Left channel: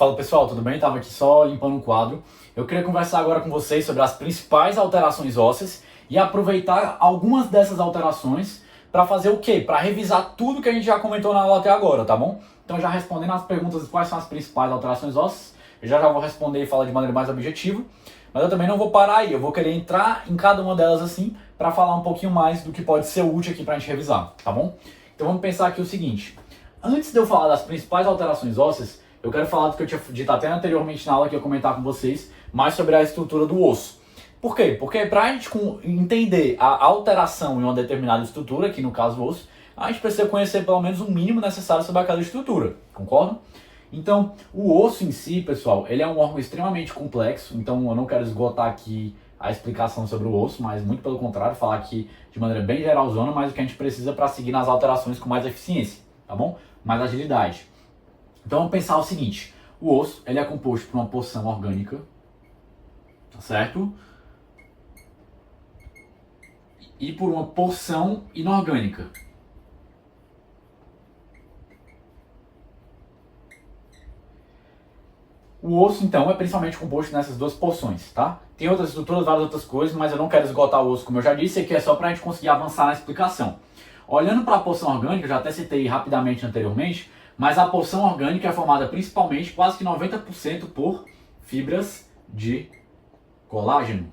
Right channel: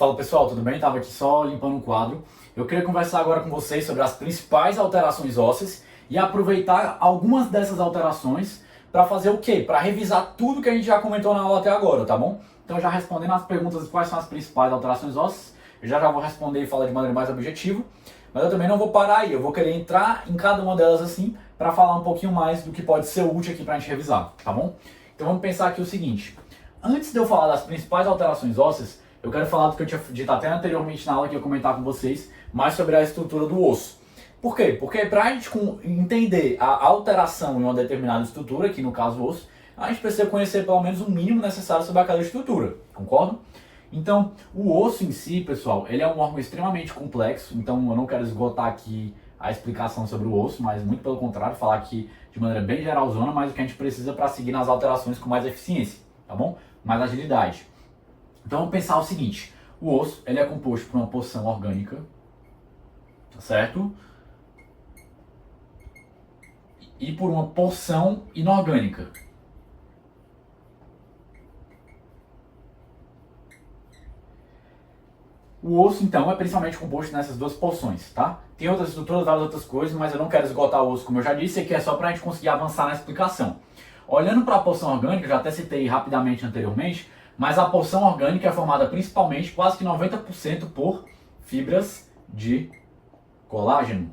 Fala pessoal, tudo bem? Tava aqui só limpando um quadro. Eu queria conversar agora com vocês sobre as principais alterações ósseas e aproveitar algumas dessas alterações para fazer o quê? Para revisar tudo que a gente já comentou na aula até agora, tá bom? Então já respondendo as perguntas de quais são as principais alterações ósseas, eu já vou responder e falar de maneira mais objetiva, mas eu também não vou parar aí, eu vou querer entrar em cada uma delas assim para falar um pouquinho mais do que pode ser útil aqui para a gente revisar, tá bom? Então vamos pensar aqui o seguinte, antes de eu falar das principais alterações ósseas, eu quero falar do que eu tinha dito até anteriormente na aula que eu comentar com vocês, mais sobre a estrutura do osso. Por quê? Porque para a gente entender a alteração em uma determinada estrutura, que no caso o osso, a gente precisa conhecer pelo menos o mínimo necessário sobre aquela estrutura, concordam? Então, o osso em si, pessoal, ele é um órgão extremamente complexo, então eu não quero esgotar aqui a explicação sobre o osso, mas muito pelo contrário, falar aqui de maneira bem geralzona, mas o que a gente precisa para seguir nas alterações com mais eficiência, tá bom? Mais agilidade. Então vamos pensar o seguinte, o osso ele é composto por uma porção orgânica, tá certo? E por uma porção inorgânica. O osso, então, é principalmente composto nessas duas porções, tá? Tem outras estruturas, várias outras coisas, mas eu não quero esgotar o osso, como eu já disse, aqui é só para a gente conseguir avançar na explicação. Olhando para a porção orgânica, eu já até citei rapidamente anteriormente, mas a porção orgânica é formada principalmente, quase que 90%, por fibras de colágeno.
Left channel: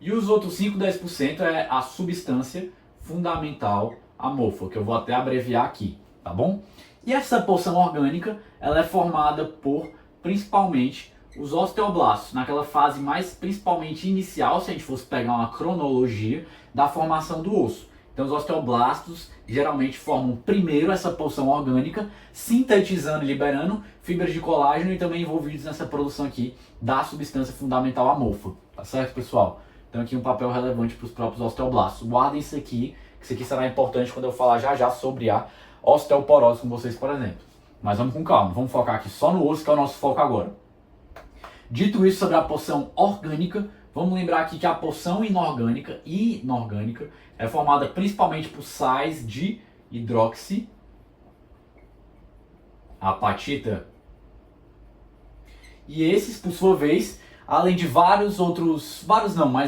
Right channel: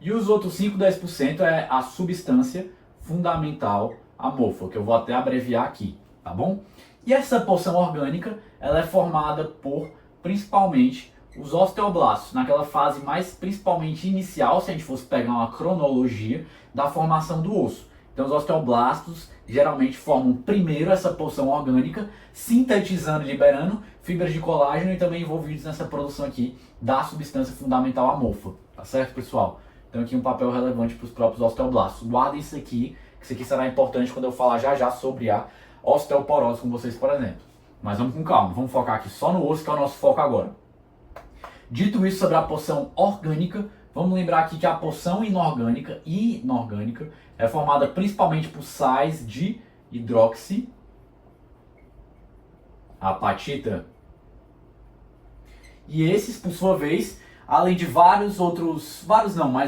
E os outros 5, 10% é a substância fundamental amorfa, que eu vou até abreviar aqui, tá bom? E essa porção orgânica, ela é formada por, principalmente, os osteoblastos, naquela fase mais principalmente inicial, se a gente fosse pegar uma cronologia da formação do osso. Então os osteoblastos geralmente formam primeiro essa porção orgânica, sintetizando e liberando fibras de colágeno e também envolvidos nessa produção aqui da substância fundamental amorfa, tá certo, pessoal? Então aqui um papel relevante para os próprios osteoblastos. Guardem isso aqui, que isso aqui será importante quando eu falar já sobre a osteoporose com vocês, por exemplo. Mas vamos com calma, vamos focar aqui só no osso, que é o nosso foco agora. Dito isso sobre a porção orgânica, vamos lembrar aqui que a porção inorgânica é formada principalmente por sais de hidroxiapatita. E esses, por sua vez, além de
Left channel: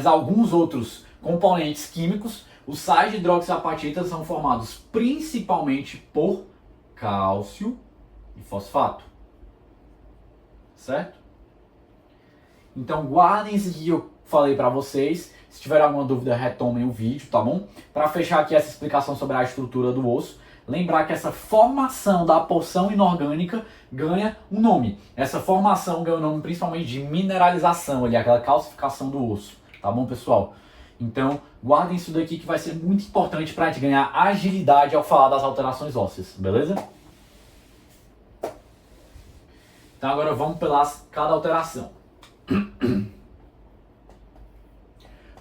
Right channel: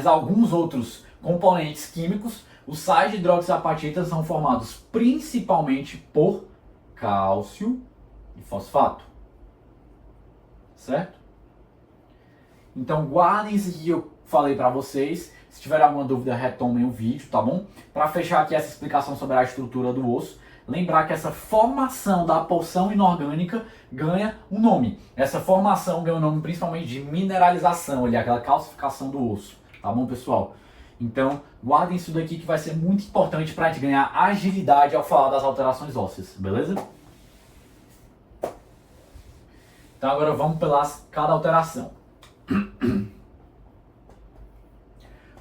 alguns outros componentes químicos, os sais de hidroxiapatita são formados principalmente por cálcio e fosfato. Certo? Então guardem isso aqui que eu falei para vocês. Se tiver alguma dúvida, retomem o vídeo, tá bom? Para fechar aqui essa explicação sobre a estrutura do osso, lembrar que essa formação da porção inorgânica ganha um nome. Essa formação ganha o nome principalmente de mineralização, ali, aquela calcificação do osso, tá bom, pessoal? Então, guardem isso daqui que vai ser muito importante para a gente ganhar agilidade ao falar das alterações ósseas, beleza? Então agora vamos pelas cada alteração.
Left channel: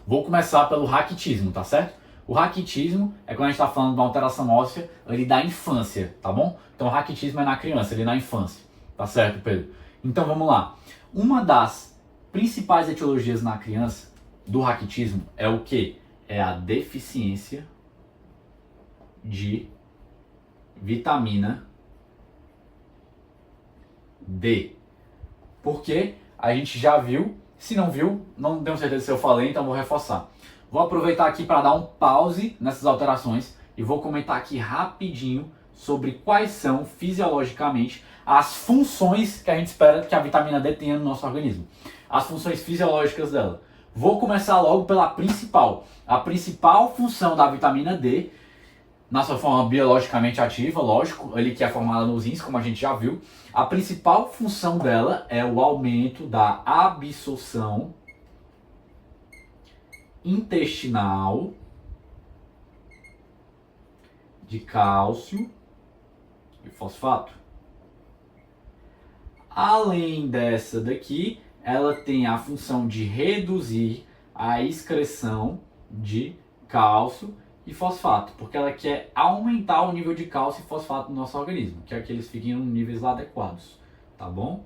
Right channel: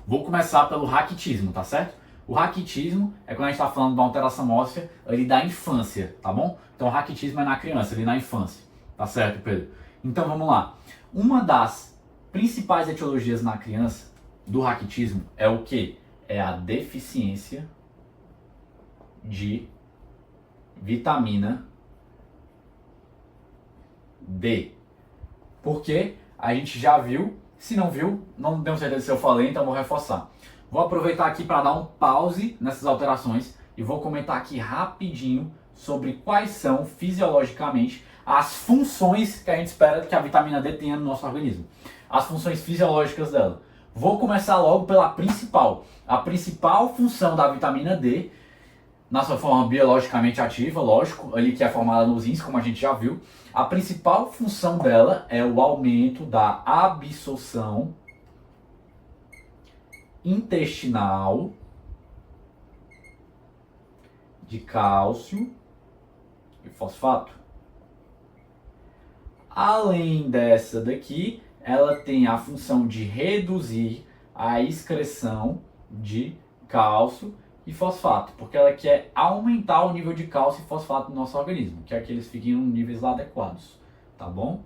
Vou começar pelo raquitismo, tá certo? O raquitismo é quando a gente está falando de uma alteração óssea ali da infância, tá bom? Então o raquitismo é na criança, ali na infância, tá certo, Pedro? Então vamos lá. Uma das principais etiologias na criança do raquitismo é o quê? É a deficiência de vitamina D. Porque a gente já viu, se não viu, não tenho certeza se eu falei, então vou reforçar. Vou aproveitar aqui para dar um pause nessas alterações e vou comentar aqui rapidinho sobre quais são fisiologicamente as funções que a gente espera que a vitamina D tenha no nosso organismo. As funções fisiológicas dela. Vou começar logo pela principal. A principal função da vitamina D, na sua forma biologicamente ativa, lógico, ali que é formada nos rins, como a gente já viu, a principal função dela é o aumento da absorção intestinal de cálcio e fosfato. Além dessa daqui, ela tem a função de reduzir a excreção de cálcio e fosfato, porque ela quer aumentar o nível de cálcio e fosfato no nosso organismo, quer que eles fiquem em níveis lá adequados, tá bom?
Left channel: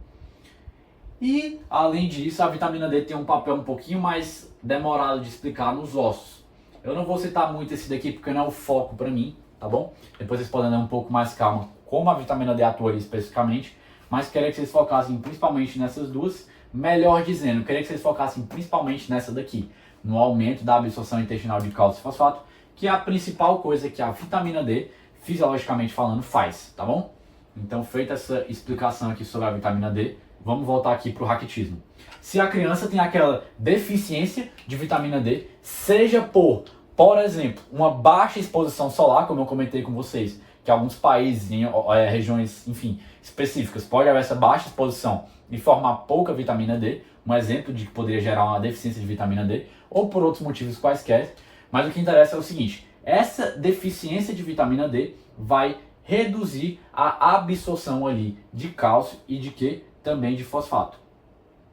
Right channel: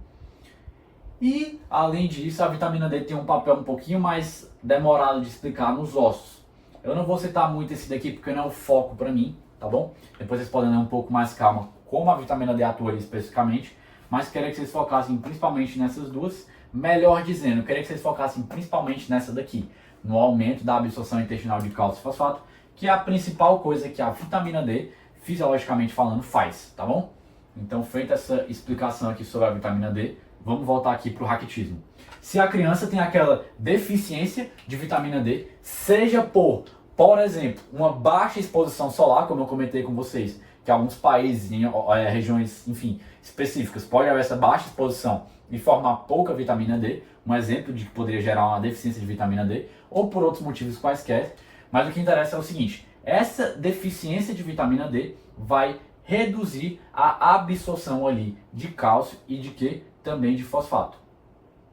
E, além disso, a vitamina D tem um papel um pouquinho mais demorado de explicar nos ossos. Eu não vou citar muito esse daqui porque não é o foco para mim, tá bom? Depois vocês podem ler um pouco mais calma como a vitamina D atua ali especificamente, mas queria que vocês focassem principalmente nessas duas. Melhor dizendo, queria que vocês focassem principalmente nessa daqui, no aumento da absorção intestinal de cálcio e fosfato, que é a principal coisa que a vitamina D, fisiologicamente falando, faz, tá bom? Então, feita essa explicação aqui sobre a vitamina D, vamos voltar aqui para o raquitismo. Se a criança tem aquela deficiência de vitamina D, seja por exemplo, uma baixa exposição solar, como eu comentei com vocês, que alguns países, em regiões, enfim, específicas, pode haver essa baixa exposição e formar pouca vitamina D, um exemplo de que poderia gerar uma deficiência de vitamina D, ou por outros motivos quaisquer. Mas o que interessa é o seguinte, essa deficiência de vitamina D vai reduzir a absorção ali de cálcio e de que? Também de fosfato.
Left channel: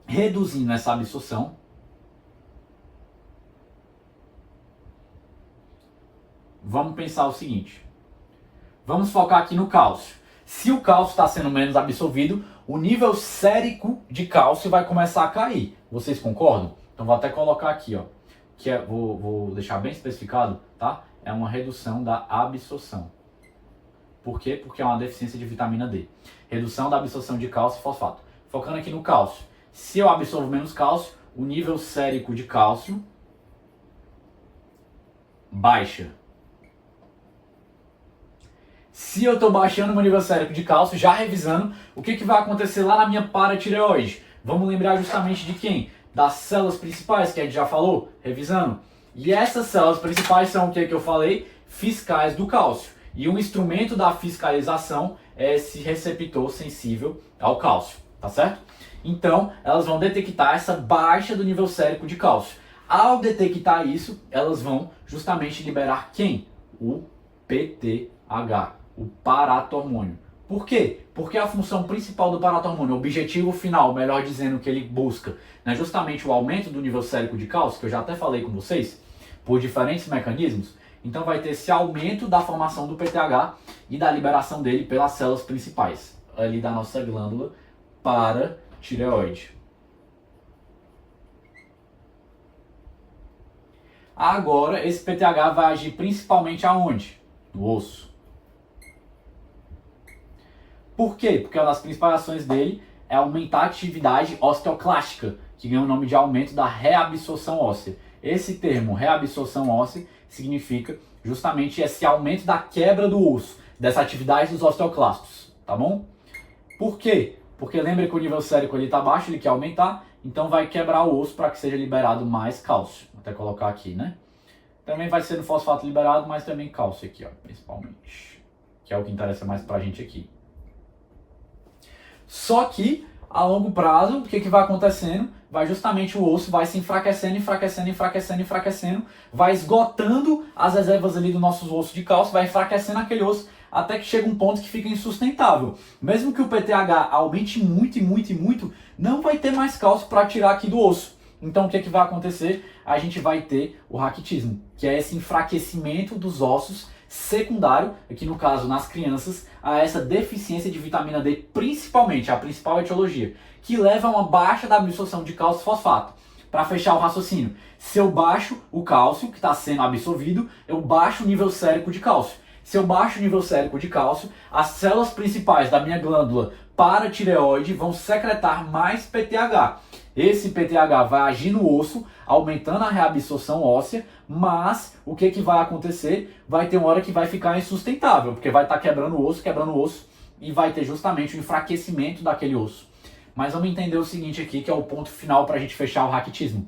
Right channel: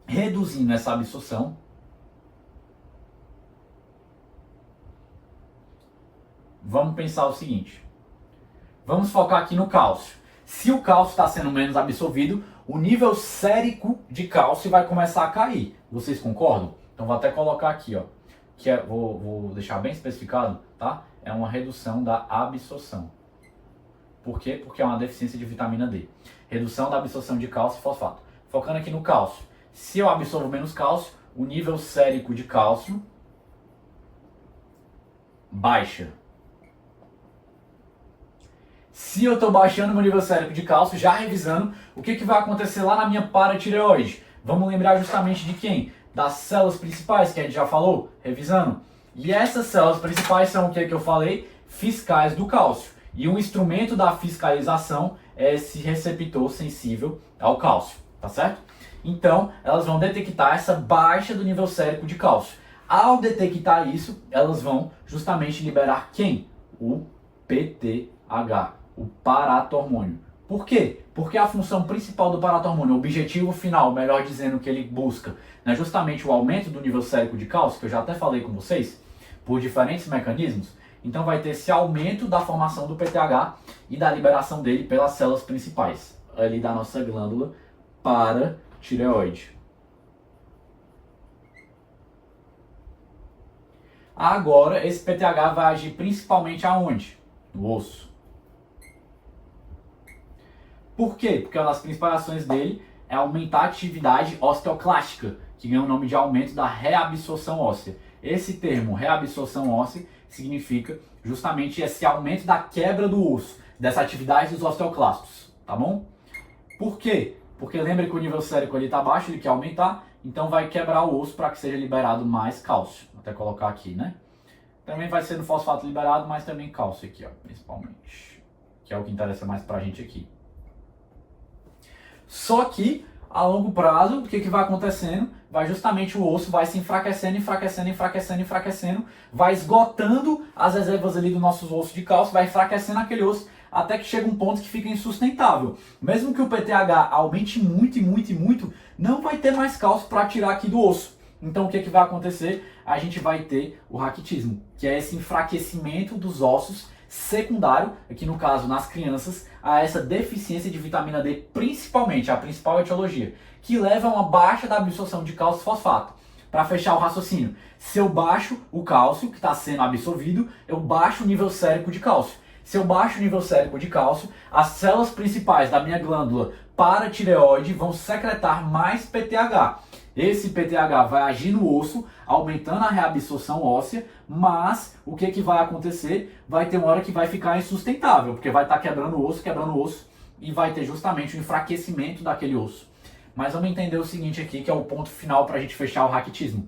Reduzindo essa absorção, vamos pensar o seguinte, vamos focar aqui no cálcio. Se o cálcio está sendo menos absorvido, o nível sérico de cálcio vai começar a cair. Vocês concordam? Então vou até colocar aqui, ó, que vou deixar bem especificado, tá? É uma redução da absorção. Por quê? Porque é uma deficiência de vitamina D. Redução da absorção de cálcio e fosfato. Focando aqui no cálcio. Se eu absorvo menos cálcio, o nível sérico de cálcio baixa. Se eu estou baixando meu nível sérico de cálcio, já revisando, o que vai acontecer lá na minha paratireoide? Vamos lembrar justamente de quem? Das células principais, que a gente já falou, revisando. E essas células principais são o que eu falei? Fiscais do cálcio. E um instrumento da fiscalização é esse receptor sensível ao cálcio, tá certo? Então, elas vão detectar essa baixa do nível sérico de cálcio. Ao detectar isso, elas vão justamente liberar quem? O PTH, o paratormônio. Por quê? Porque a função principal do paratormônio, o objetivo final, melhor dizendo, que ele busca, é justamente o aumento do nível sérico de cálcio, que eu já até falei com vocês, por diferentes mecanismos. Então vai ter esse aumento da formação do PTH e da liberação dele pelas células principais, ali da nossa glândula paratireoide. Agora, esse PTH vai agir principalmente aonde? No osso. Por quê? Porque uma das principais ações dele é aumentar a atividade osteoclástica, que ganha o nome de aumento da reabsorção óssea. Esse termo, reabsorção óssea, significa justamente esse aumento da quebra do osso, dessa atividade dos osteoclastos, tá bom? Por quê? Porque lembra que o nível sérico ali está baixo, ele quer aumentar, então vai quebrar o osso para que seja liberado mais cálcio. Vou até colocar aqui, né? Também vai ser no fosfato liberado, mas também cálcio aqui, ó, principalmente. Que é o que interessa mais pra gente aqui. Só que, a longo prazo, o que vai acontecendo? Vai justamente o osso vai se enfraquecendo, enfraquecendo, enfraquecendo, enfraquecendo, vai esgotando as reservas ali dos nossos ossos de cálcio, vai enfraquecendo aquele osso, até que chega um ponto que fica insustentável. Mesmo que o PTH aumente muito e muito e muito, não vai ter mais cálcio para tirar aqui do osso. Então o que vai acontecer? A gente vai ter o raquitismo, que é esse enfraquecimento dos ossos secundário, aqui no caso nas crianças, a essa deficiência de vitamina D, principalmente, a principal etiologia, que leva a uma baixa da absorção de cálcio e fosfato. Para fechar o raciocínio, se eu baixo o cálcio que está sendo absorvido, eu baixo o nível sérico de cálcio. Se eu baixo o nível sérico de cálcio, as células principais da minha glândula paratireoide vão secretar mais PTH. Esse PTH vai agir no osso, aumentando a reabsorção óssea, mas o que vai acontecer? Vai ter uma hora que vai ficar insustentável, porque vai estar quebrando o osso, e vai ter justamente o enfraquecimento daquele osso. Mas vamos entender o seguinte aqui, que é o ponto final para a gente fechar o raquitismo.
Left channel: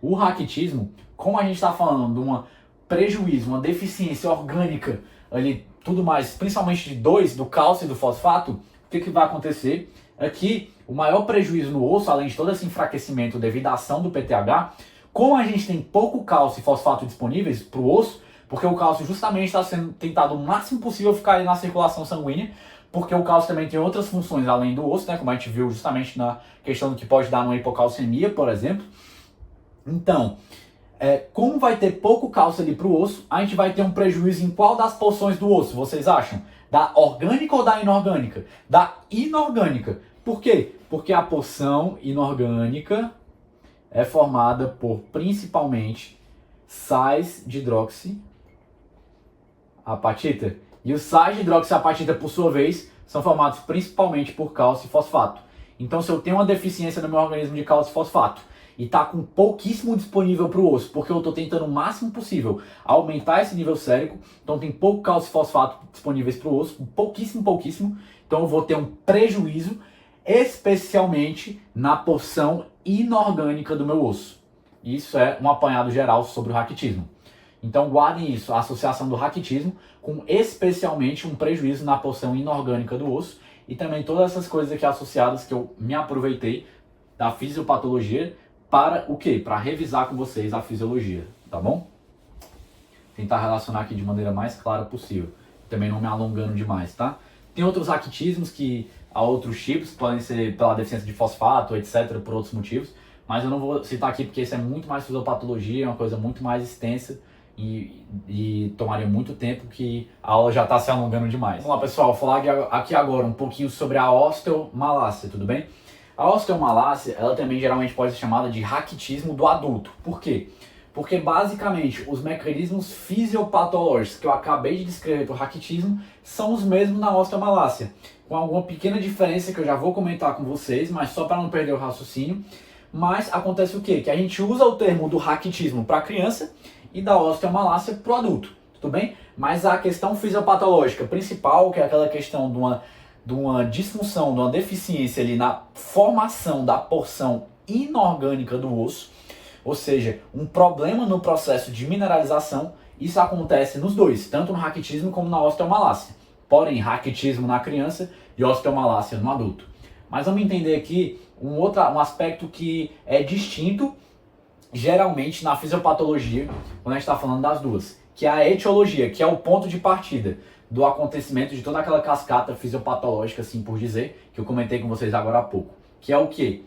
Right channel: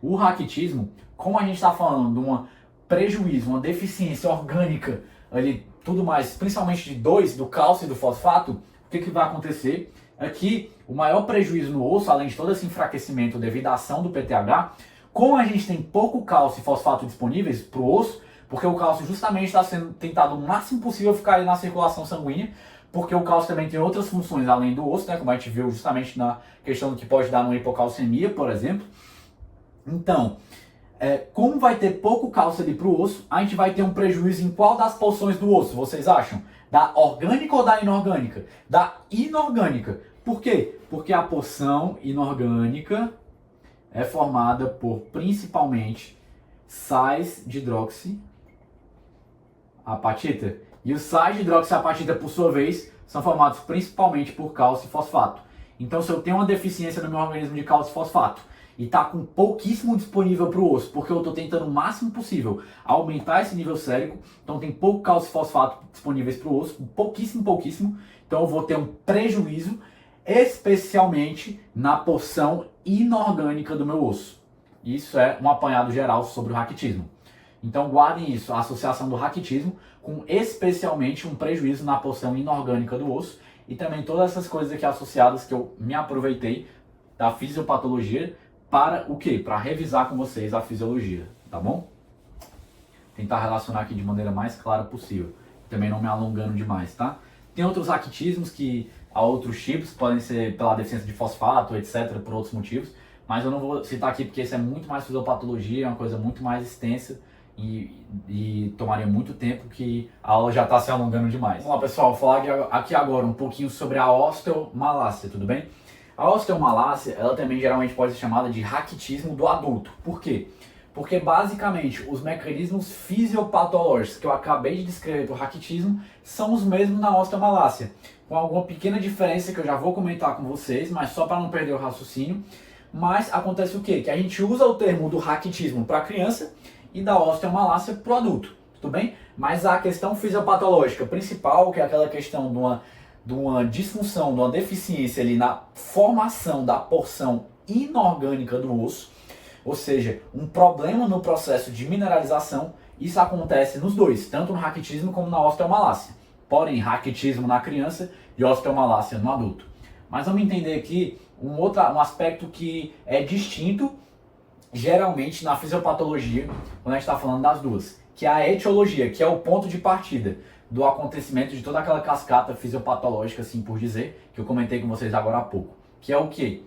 O raquitismo, como a gente está falando de um prejuízo, uma deficiência orgânica, ali, tudo mais, principalmente do cálcio e do fosfato, o que vai acontecer? Aqui, o maior prejuízo no osso, além de todo esse enfraquecimento devido à ação do PTH, como a gente tem pouco cálcio e fosfato disponíveis para o osso, porque o cálcio justamente está sendo tentado o máximo possível ficar ali na circulação sanguínea, porque o cálcio também tem outras funções além do osso, né, como a gente viu justamente na questão do que pode dar numa hipocalcemia, por exemplo. Então, como vai ter pouco cálcio ali para o osso, a gente vai ter um prejuízo em qual das porções do osso, vocês acham? Da orgânica ou da inorgânica? Da inorgânica. Por quê? Porque a porção inorgânica é formada por, principalmente, sais de hidroxiapatita. E o sais de hidroxiapatita, por sua vez, são formados principalmente por cálcio e fosfato. Então, se eu tenho uma deficiência no meu organismo de cálcio e fosfato e está com pouquíssimo disponível para o osso, porque eu estou tentando o máximo possível aumentar esse nível sérico, então tem pouco cálcio e fosfato disponíveis para o osso, pouquíssimo, então eu vou ter um prejuízo, especialmente na porção inorgânica do meu osso. Isso é um apanhado geral sobre o raquitismo. Então guardem isso, a associação do raquitismo com especialmente um prejuízo na porção inorgânica do osso e também todas essas coisas aqui associadas que eu me aproveitei da fisiopatologia para o quê? Para revisar com vocês a fisiologia, tá bom? Tentar relacionar aqui de maneira mais clara possível, também não me alongando demais, tá? Tem outros raquitismos que há outros tipos, podem ser pela deficiência de fosfato, etc, por outros motivos, mas eu não vou citar aqui porque isso é muito mais fisiopatologia, é uma coisa muito mais extensa e tomaria muito tempo que a aula já está se alongando demais. Vamos lá, pessoal, vou falar aqui agora um pouquinho sobre a osteomalácia, tudo bem? A osteomalácia, ela também geralmente pode ser chamada de raquitismo do adulto. Por quê? Porque basicamente os mecanismos fisiopatológicos que eu acabei de descrever para o raquitismo são os mesmos na osteomalácia, com alguma pequena diferença que eu já vou comentar com vocês, mas só para não perder o raciocínio. Mas acontece o quê? Que a gente usa o termo do raquitismo para a criança e da osteomalácia para o adulto, tudo bem? Mas a questão fisiopatológica principal, que é aquela questão de uma disfunção, de uma deficiência ali na formação da porção inorgânica do osso, ou seja, um problema no processo de mineralização, isso acontece nos dois, tanto no raquitismo como na osteomalácia. Porém, raquitismo na criança e osteomalácia no adulto. Mas vamos entender aqui um aspecto que é distinto, geralmente na fisiopatologia, quando a gente está falando das duas, que é a etiologia, que é o ponto de partida do acontecimento de toda aquela cascata fisiopatológica, assim por dizer, que eu comentei com vocês agora há pouco. Que é o quê?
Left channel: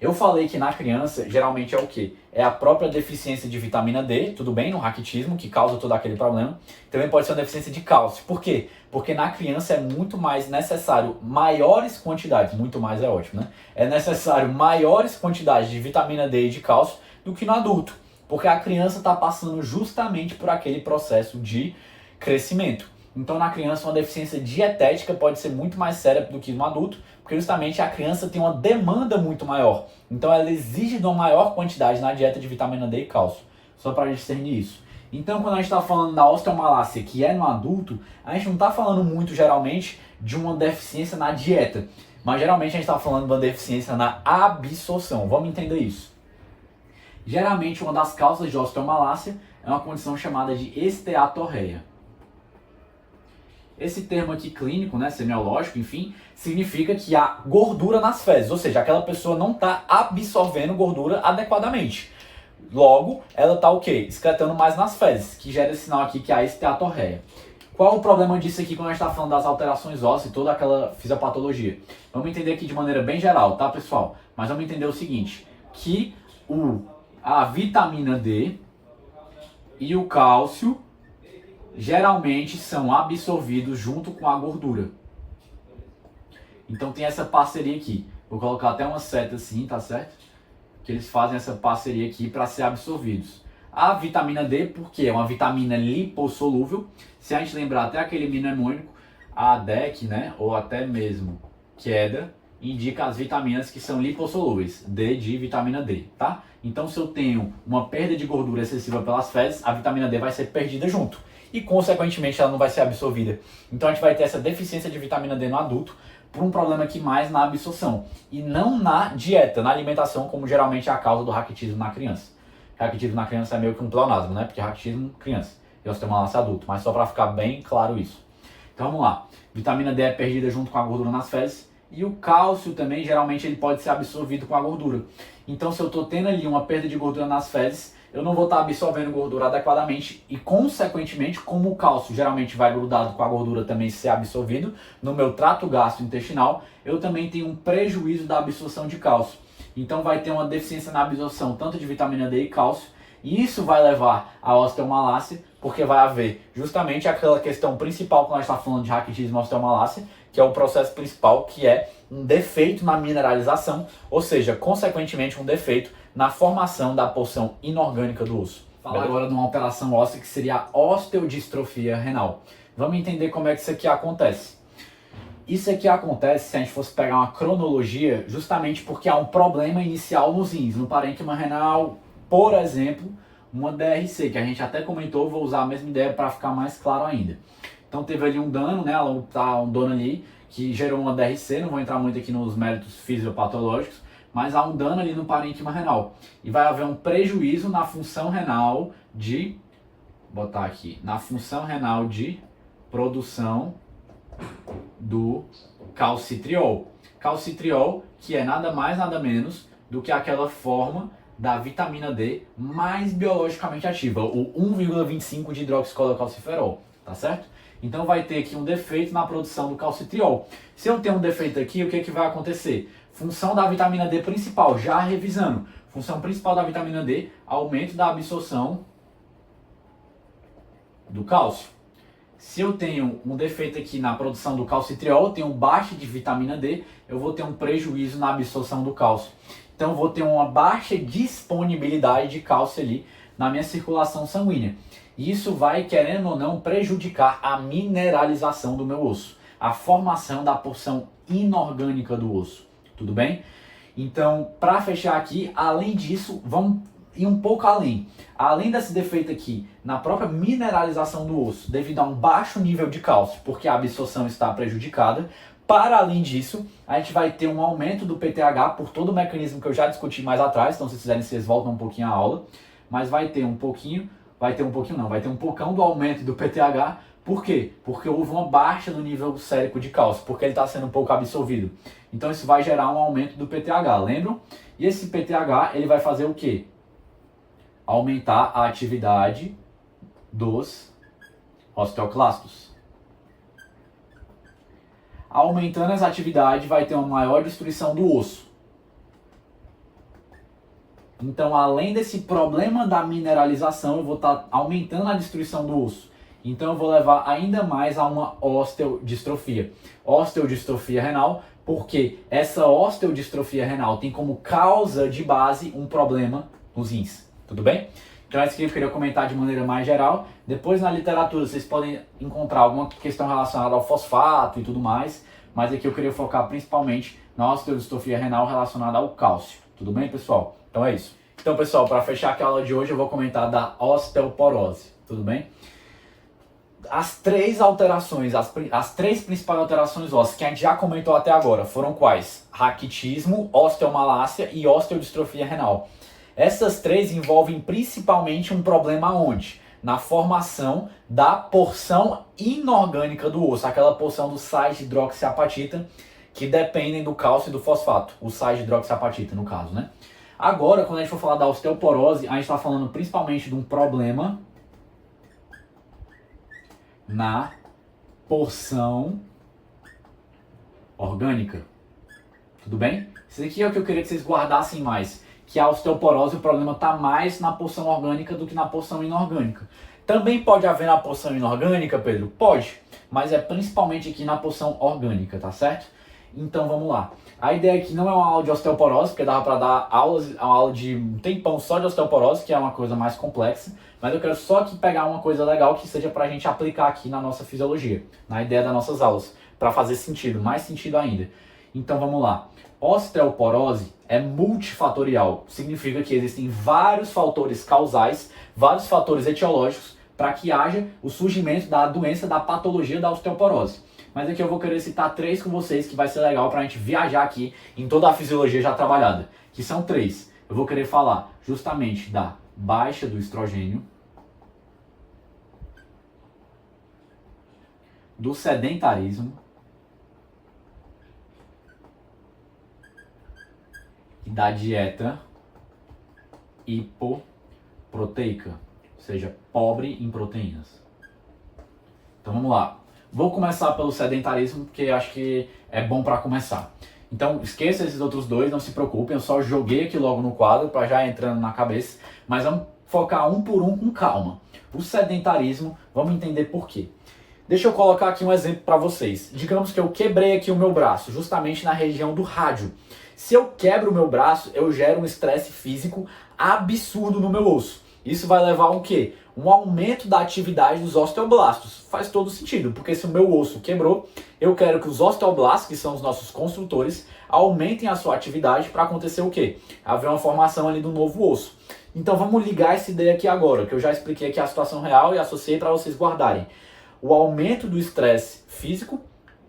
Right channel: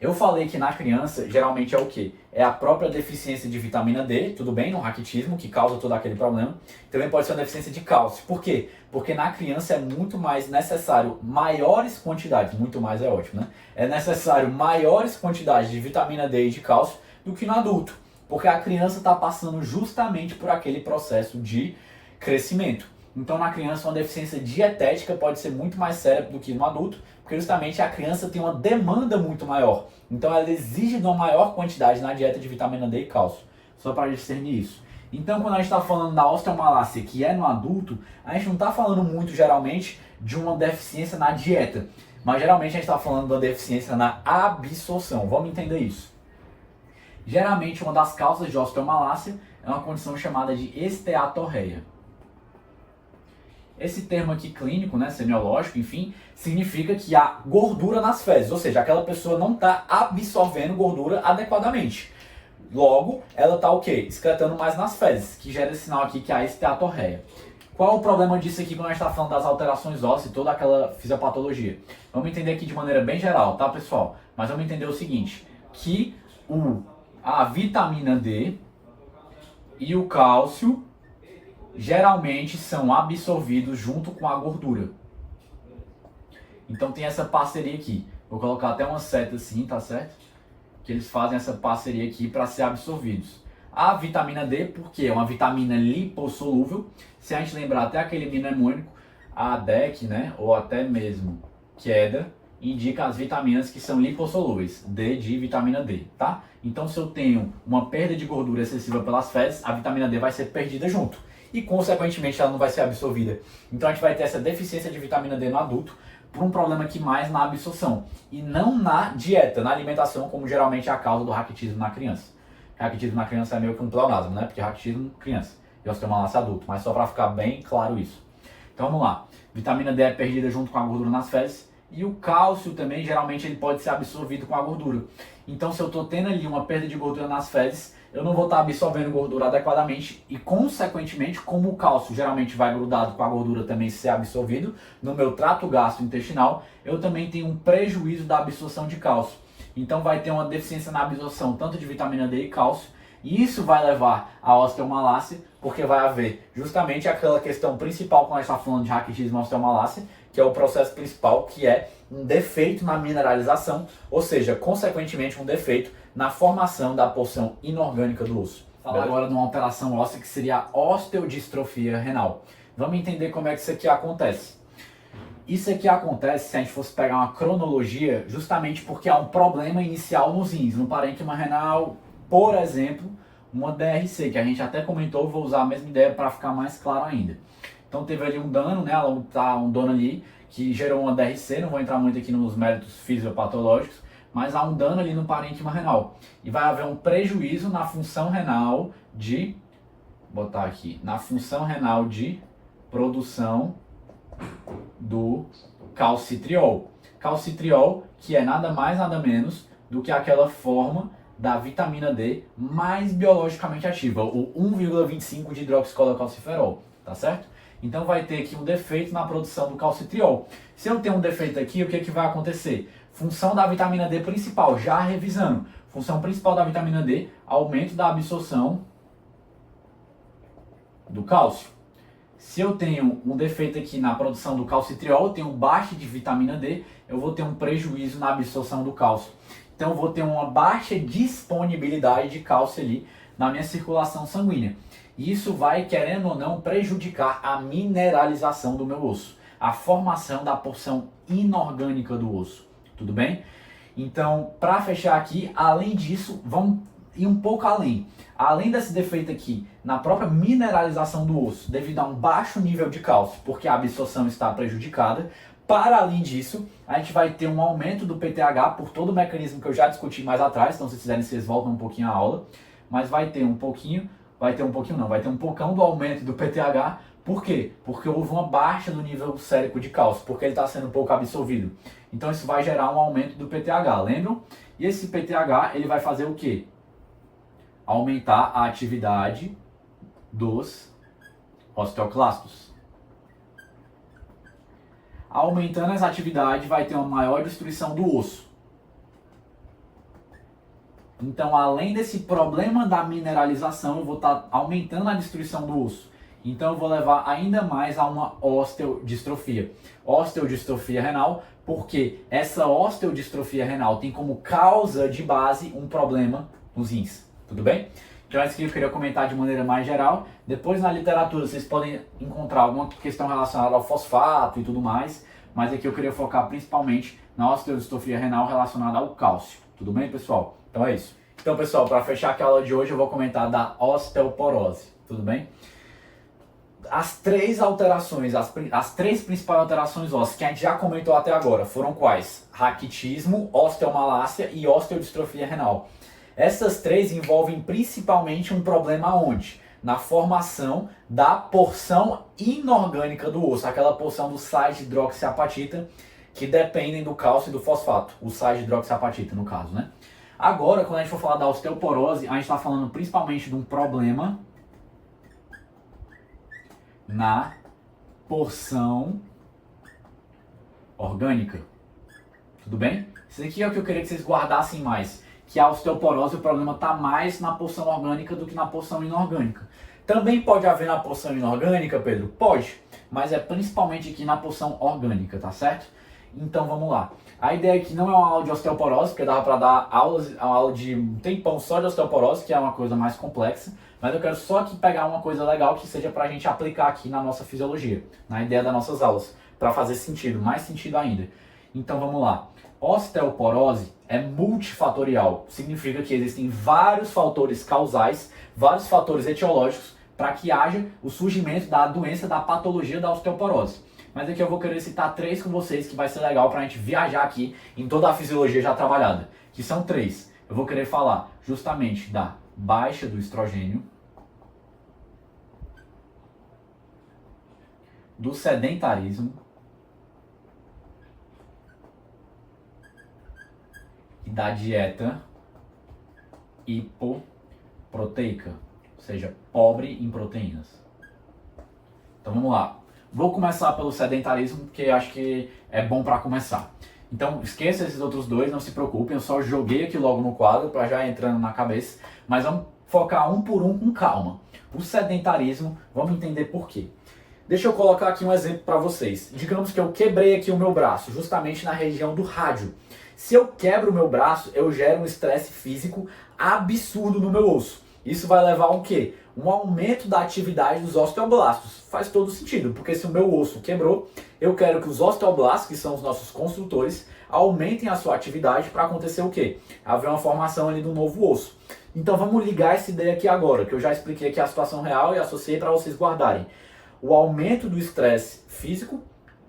Eu falei que na criança, geralmente é o quê? É a própria deficiência de vitamina D, tudo bem, no raquitismo, que causa todo aquele problema. Também pode ser uma deficiência de cálcio. Por quê? Porque na criança é muito mais necessário maiores quantidades, muito mais é ótimo, né? É necessário maiores quantidades de vitamina D e de cálcio do que no adulto. Porque a criança está passando justamente por aquele processo de crescimento. Então, na criança, uma deficiência dietética pode ser muito mais séria do que no adulto, porque justamente a criança tem uma demanda muito maior. Então, ela exige de uma maior quantidade na dieta de vitamina D e cálcio. Só para discernir isso. Então, quando a gente está falando da osteomalácia, que é no adulto, a gente não está falando muito, geralmente, de uma deficiência na dieta. Mas, geralmente, a gente está falando de uma deficiência na absorção. Vamos entender isso. Geralmente, uma das causas de osteomalácia é uma condição chamada de esteatorreia. Esse termo aqui clínico, né, semiológico, enfim, significa que há gordura nas fezes, ou seja, aquela pessoa não está absorvendo gordura adequadamente. Logo, ela está o quê? Excretando mais nas fezes, que gera esse sinal aqui que é a esteatorreia. Qual é o problema disso aqui quando a gente está falando das alterações ósseas e toda aquela fisiopatologia? Vamos entender aqui de maneira bem geral, tá, pessoal? Mas vamos entender o seguinte, que a vitamina D e o cálcio geralmente são absorvidos junto com a gordura. Então tem essa parceria aqui. Vou colocar até uma seta assim, tá certo? Que eles fazem essa parceria aqui para ser absorvidos. A vitamina D, porque é uma vitamina lipossolúvel. Se a gente lembrar até aquele mnemônico, a DEC, né? Ou até mesmo queda, indica as vitaminas que são lipossolúveis. D de vitamina D, tá? Então se eu tenho uma perda de gordura excessiva pelas fezes, a vitamina D vai ser perdida junto. E, consequentemente, ela não vai ser absorvida. Então, a gente vai ter essa deficiência de vitamina D no adulto por um problema aqui mais na absorção. E não na dieta, na alimentação, como geralmente é a causa do raquitismo na criança. Raquitismo na criança é meio que um pleonasmo, né? Porque raquitismo, criança. E osteomalácia adulto. Mas só para ficar bem claro isso. Então, vamos lá. Vitamina D é perdida junto com a gordura nas fezes. E o cálcio também, geralmente, ele pode ser absorvido com a gordura. Então, se eu estou tendo ali uma perda de gordura nas fezes, eu não vou estar absorvendo gordura adequadamente e, consequentemente, como o cálcio geralmente vai grudado com a gordura também ser absorvido no meu trato gastrointestinal, eu também tenho um prejuízo da absorção de cálcio. Então vai ter uma deficiência na absorção tanto de vitamina D e cálcio, e isso vai levar à osteomalácia, porque vai haver justamente aquela questão principal quando a gente está falando de raquitismo e osteomalácia, que é o processo principal, que é um defeito na mineralização, ou seja, consequentemente um defeito na formação da porção inorgânica do osso. Falar agora de uma alteração óssea que seria a osteodistrofia renal. Vamos entender como é que isso aqui acontece. Isso aqui acontece se a gente fosse pegar uma cronologia, justamente porque há um problema inicial nos rins, no parênquima renal, por exemplo, uma DRC, que a gente até comentou, vou usar a mesma ideia para ficar mais claro ainda. Então teve ali um dano, né, um dano ali que gerou uma DRC, não vou entrar muito aqui nos méritos fisiopatológicos, mas há um dano ali no parênquima renal. E vai haver um prejuízo na função renal de, vou botar aqui, na função renal de produção do calcitriol. Calcitriol, que é nada mais, nada menos do que aquela forma da vitamina D mais biologicamente ativa, o 1,25 de hidroxicolocalciferol, tá certo? Então vai ter aqui um defeito na produção do calcitriol. Se eu tenho um defeito aqui, o que, que vai acontecer? Função da vitamina D principal, já revisando. Função principal da vitamina D, aumento da absorção do cálcio. Se eu tenho um defeito aqui na produção do calcitriol, eu tenho baixa de vitamina D, eu vou ter um prejuízo na absorção do cálcio. Então eu vou ter uma baixa disponibilidade de cálcio ali na minha circulação sanguínea. E isso vai, querendo ou não, prejudicar a mineralização do meu osso, a formação da porção inorgânica do osso. Tudo bem? Então, para fechar aqui, além disso, vamos ir um pouco além. Além desse defeito aqui, na própria mineralização do osso, devido a um baixo nível de cálcio, porque a absorção está prejudicada, para além disso, a gente vai ter um aumento do PTH por todo o mecanismo que eu já discuti mais atrás, então se vocês quiserem, vocês voltam um pouquinho à aula, mas vai ter um pocão do aumento do PTH. Por quê? Porque houve uma baixa no nível sérico de cálcio, porque ele está sendo um pouco absorvido. Então isso vai gerar um aumento do PTH, lembram? E esse PTH, ele vai fazer o quê? Aumentar a atividade dos osteoclastos. Aumentando essa atividade, vai ter uma maior destruição do osso. Então, além desse problema da mineralização, eu vou estar aumentando a destruição do osso. Então, eu vou levar ainda mais a uma osteodistrofia. Osteodistrofia renal, porque essa osteodistrofia renal tem como causa de base um problema nos rins. Tudo bem? Então, é isso que eu queria comentar de maneira mais geral. Depois, na literatura, vocês podem encontrar alguma questão relacionada ao fosfato e tudo mais. Mas aqui eu queria focar principalmente na osteodistrofia renal relacionada ao cálcio. Tudo bem, pessoal? Então é isso. Então, pessoal, para fechar aqui a aula de hoje, eu vou comentar da osteoporose. Tudo bem? As três alterações, as três principais alterações ósseas que a gente já comentou até agora foram quais? Raquitismo, osteomalácia e osteodistrofia renal. Essas três envolvem principalmente um problema onde? Na formação da porção inorgânica do osso, aquela porção do sais de hidroxiapatita que dependem do cálcio e do fosfato, o sais de hidroxiapatita no caso, né? Agora, quando a gente for falar da osteoporose, a gente está falando principalmente de um problema na porção orgânica. Tudo bem? Isso aqui é o que eu queria que vocês guardassem mais. Que a osteoporose, o problema está mais na porção orgânica do que na porção inorgânica. Também pode haver na porção inorgânica, Pedro? Pode, mas é principalmente aqui na porção orgânica, tá certo? Então vamos lá. A ideia aqui não é uma aula de osteoporose, porque dava para dar uma aula de um tempão só de osteoporose, que é uma coisa mais complexa, mas eu quero só aqui pegar uma coisa legal que seja para a gente aplicar aqui na nossa fisiologia, na ideia das nossas aulas, para fazer sentido, mais sentido ainda. Então vamos lá. Osteoporose é multifatorial, significa que existem vários fatores causais, vários fatores etiológicos para que haja o surgimento da doença, da patologia da osteoporose. Mas aqui eu vou querer citar três com vocês que vai ser legal para a gente viajar aqui em toda a fisiologia já trabalhada, que são três. Eu vou querer falar justamente da baixa do estrogênio, do sedentarismo e da dieta hipoproteica, ou seja, pobre em proteínas. Então vamos lá. Vou começar pelo sedentarismo, porque acho que é bom para começar. Então esqueça esses outros dois, não se preocupem, eu só joguei aqui logo no quadro para já entrando na cabeça, mas vamos focar um por um com calma. O sedentarismo, vamos entender por quê. Deixa eu colocar aqui um exemplo para vocês. Digamos que eu quebrei aqui o meu braço, justamente na região do rádio. Se eu quebro o meu braço, eu gero um estresse físico absurdo no meu osso. Isso vai levar a um quê? Um aumento da atividade dos osteoblastos. Faz todo sentido, porque se o meu osso quebrou, Eu quero que os osteoblastos, que são os nossos construtores, aumentem a sua atividade para acontecer o quê? Haver uma formação ali do novo osso. Então vamos ligar essa ideia aqui agora, que eu já expliquei aqui a situação real e associei para vocês guardarem. O aumento do estresse físico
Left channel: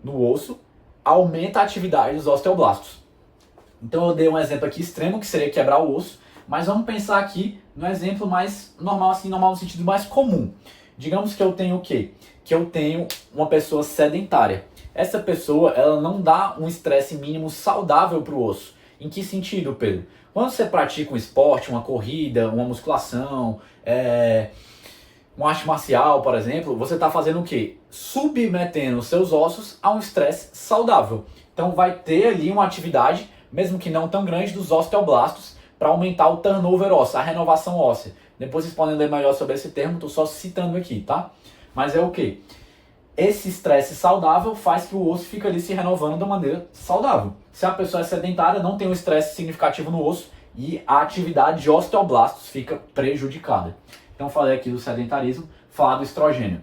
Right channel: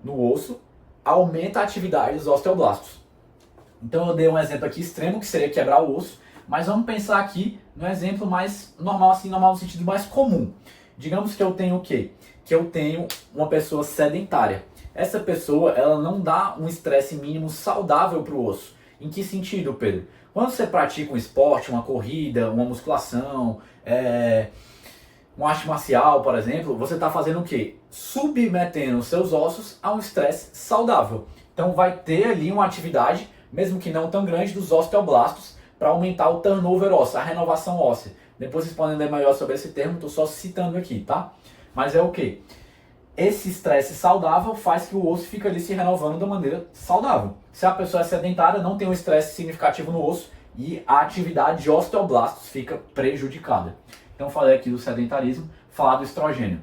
no osso aumenta a atividade dos osteoblastos. Então eu dei um exemplo aqui extremo, que seria quebrar o osso, mas vamos pensar aqui no exemplo mais normal, assim, normal no sentido mais comum. Digamos que eu tenho o quê? Que eu tenho uma pessoa sedentária. Essa pessoa, ela não dá um estresse mínimo saudável para o osso. Em que sentido, Pedro? Quando você pratica um esporte, uma corrida, uma musculação, uma arte marcial, por exemplo, você está fazendo o quê? Submetendo seus ossos a um estresse saudável. Então vai ter ali uma atividade, mesmo que não tão grande, dos osteoblastos para aumentar o turnover ósseo, a renovação óssea. Depois vocês podem ler melhor sobre esse termo, estou só citando aqui, tá? Mas é o quê? Esse estresse saudável faz que o osso fique ali se renovando da maneira saudável. Se a pessoa é sedentária, não tem um estresse significativo no osso e a atividade de osteoblastos fica prejudicada. Então falei aqui do sedentarismo, falar do estrogênio.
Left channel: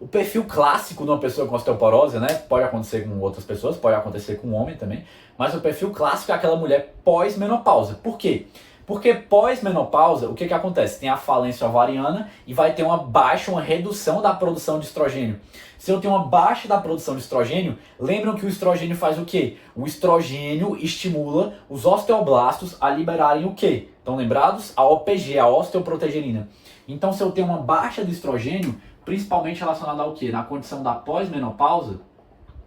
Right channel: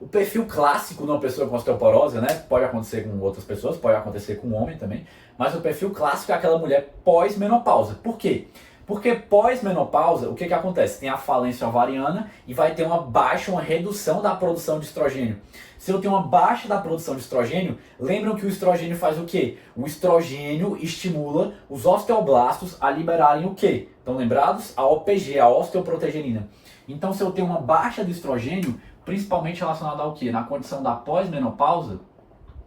O perfil clássico de uma pessoa com osteoporose, né? Pode acontecer com outras pessoas, pode acontecer com um homem também, mas o perfil clássico é aquela mulher pós-menopausa. Por quê? Porque pós-menopausa, o que acontece? Tem a falência ovariana e vai ter uma baixa, uma redução da produção de estrogênio. Se eu tenho uma baixa da produção de estrogênio, lembram que o estrogênio faz o quê? O estrogênio estimula os osteoblastos a liberarem o quê? Estão lembrados? A OPG, a osteoprotegerina. Então, se eu tenho uma baixa de estrogênio, principalmente relacionada ao quê? Na condição da pós-menopausa,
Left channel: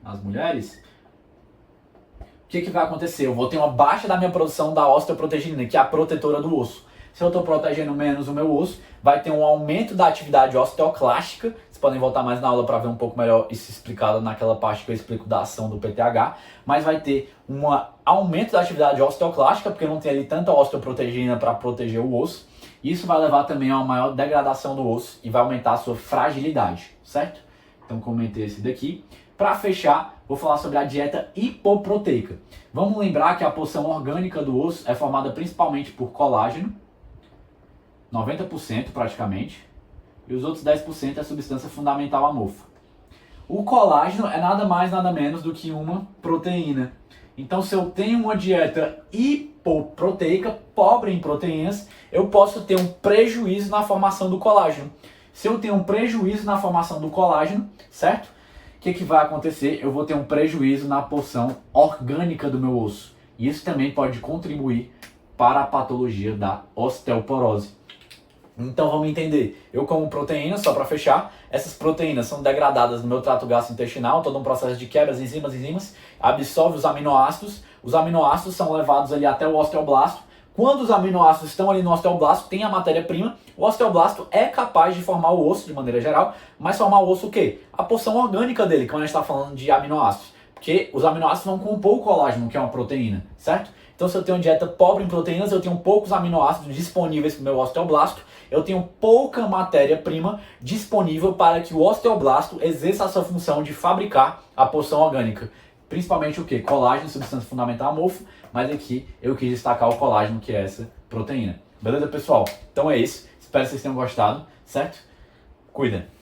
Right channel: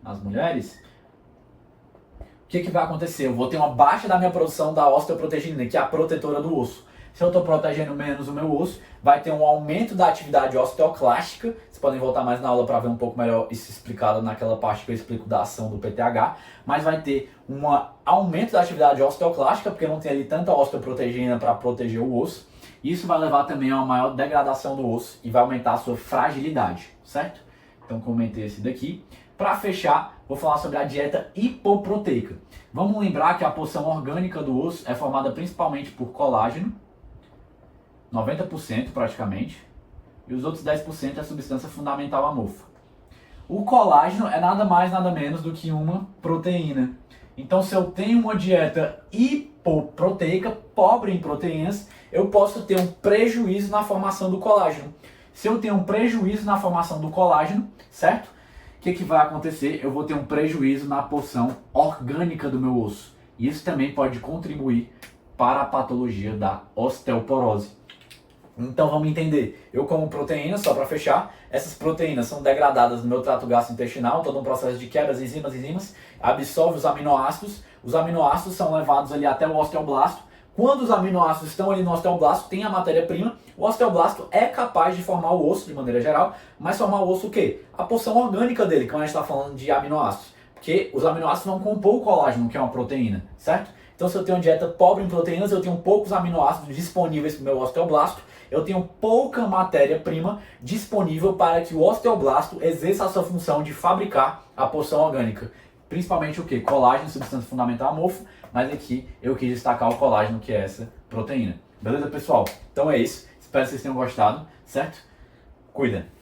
nas mulheres, o que vai acontecer? Eu vou ter uma baixa da minha produção da osteoprotegerina, que é a protetora do osso. Se eu estou protegendo menos o meu osso, vai ter um aumento da atividade osteoclástica. Vocês podem voltar mais na aula para ver um pouco melhor isso explicado naquela parte que eu explico da ação do PTH. Mas vai ter um aumento da atividade osteoclástica, porque não tem ali tanta osteoprotegerina para proteger o osso. Isso vai levar também a uma maior degradação do osso e vai aumentar a sua fragilidade, certo? Então comentei esse daqui. Para fechar, vou falar sobre a dieta hipoproteica. Vamos lembrar que a porção orgânica do osso é formada principalmente por colágeno, 90% praticamente, e os outros 10% é substância fundamental amorfa. O colágeno é nada mais, nada menos do que uma proteína. Então, se eu tenho uma dieta hipoproteica, pobre em proteínas, eu posso ter um prejuízo na formação do colágeno. Se eu tenho um prejuízo na formação do colágeno, certo? O que vai acontecer? Eu vou ter um prejuízo na porção orgânica do meu osso. E isso também pode contribuir para a patologia da osteoporose. Então vamos entender. Eu como proteínas, só para fechar, essas proteínas são degradadas no meu trato gastrointestinal, todo um processo de quebras, enzimas, absorve os aminoácidos são levados ali até o osteoblasto. Quando os aminoácidos estão ali no osteoblasto, tem a matéria-prima, o osteoblasto é capaz de formar o osso de maneira geral, mas formar o osso o quê? A porção orgânica dele, quando a gente está falando de aminoácidos. Porque os aminoácidos vão compor o colágeno, que é uma proteína, certo? Então se eu tenho uma dieta pobre em proteínas, eu tenho poucos aminoácidos disponíveis para o meu osteoblasto, eu tenho pouca matéria-prima disponível para que o osteoblasto exerça a sua função de fabricar a porção orgânica. Principalmente o quê? Colágeno, substância fundamental amorfa, mas aqui eu quis destacar o colágeno, que é essa proteína. Beleza, pessoal? Então é isso. Espero que vocês tenham gostado, certo? Cuida!